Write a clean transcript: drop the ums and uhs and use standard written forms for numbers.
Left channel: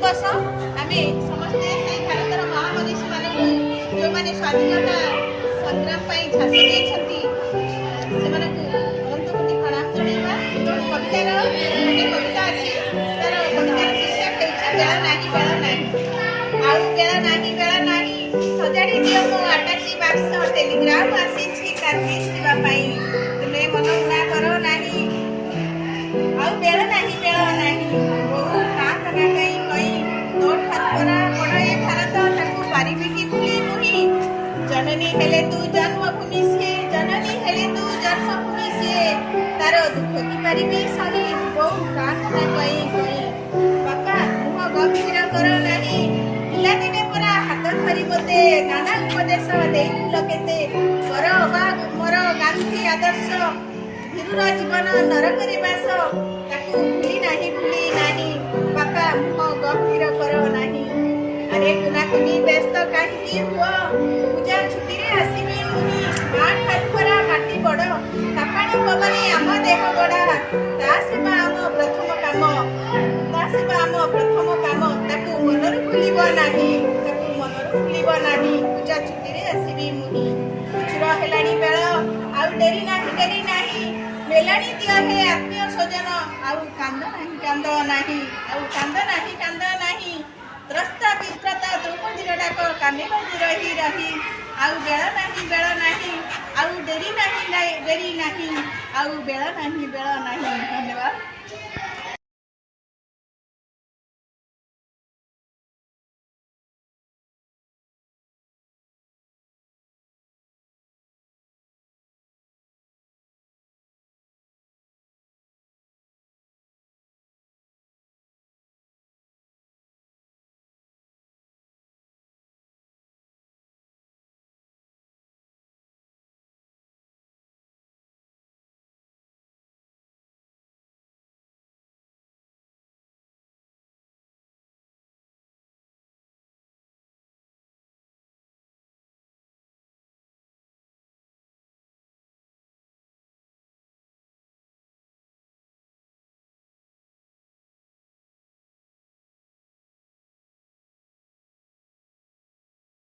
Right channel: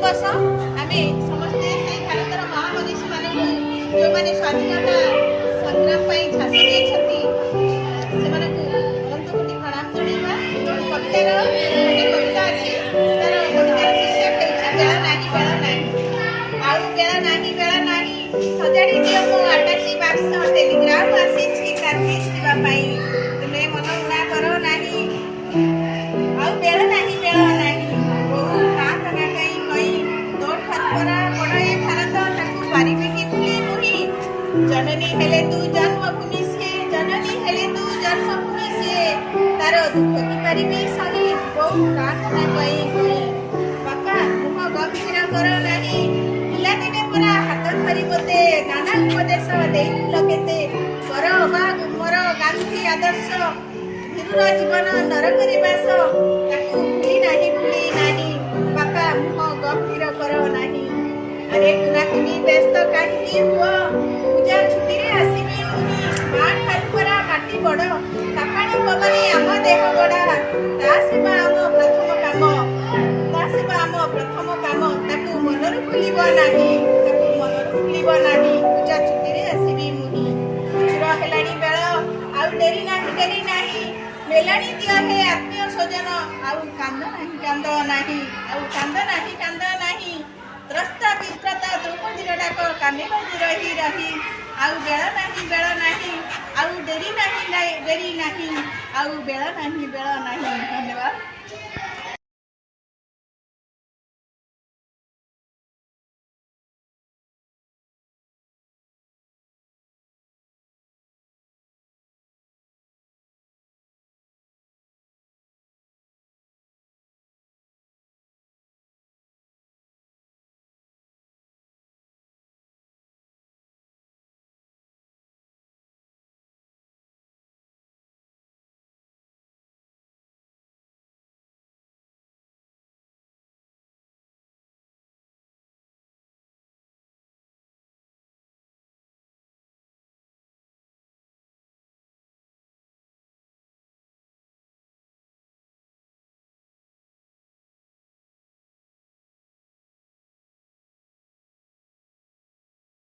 दिवस आम समस्ते से भारतर महामनीषी मानक जो मैंने स्वाधीनता संग्राम झांस देती से अनंत कोटि प्रणाम जणा कवितार गोटे कविता अच्छी तार कवितार शीर्षक है बेला नहीं बेला नहीं आउ बेला नहीं बेला नहीं सजाड़ी दियो मो आटाची बाक्स टेलीग्राम आसी काठी शिवाई तुमे मन उड़ा करो नहीं आउ बेला नहीं बहु का कना कई कई तोड़ खतरा बड़ ए भारत ताकू पारिबे कि भूली मुही जननी हेले तू जन्मभूमि से जननी हेले तू जन्मभूमि से तार दुख की पारिबे सही बहु का कना कई कई बापा मुह गंभीर करो नहीं पिला दिने परा हाथ धरी बोते नाना उपदेश देइथिल केते कर अबा मोर गांधी आदर्श वीर जीवन नरकरे बास ताकू भूली नाही बापा मुह गंभीर करो नहीं अरे कुना कुनी व्यस्त कहीं हुआ पूजा छुट्टी रे आसीबी मुनी माठ खालपरा माटी बड़ तापाणी पवनी आम देह गड़ा ता सेवा आम प्रथम काम ताकू मनरु भूलिब नाही पूजा छुट्टी रे आसीबी मुनी चुर हेलाणी बेल आउ डेरी नाही मेलाणी दिया हे आत्मीय स्वजन आउ कांद नाही त्रस्त विप्रत द्रौपदी डाक कामे रही आउ बेल नहीं आउ डेरी नहीं आउ बेल नहीं धन्यवाद।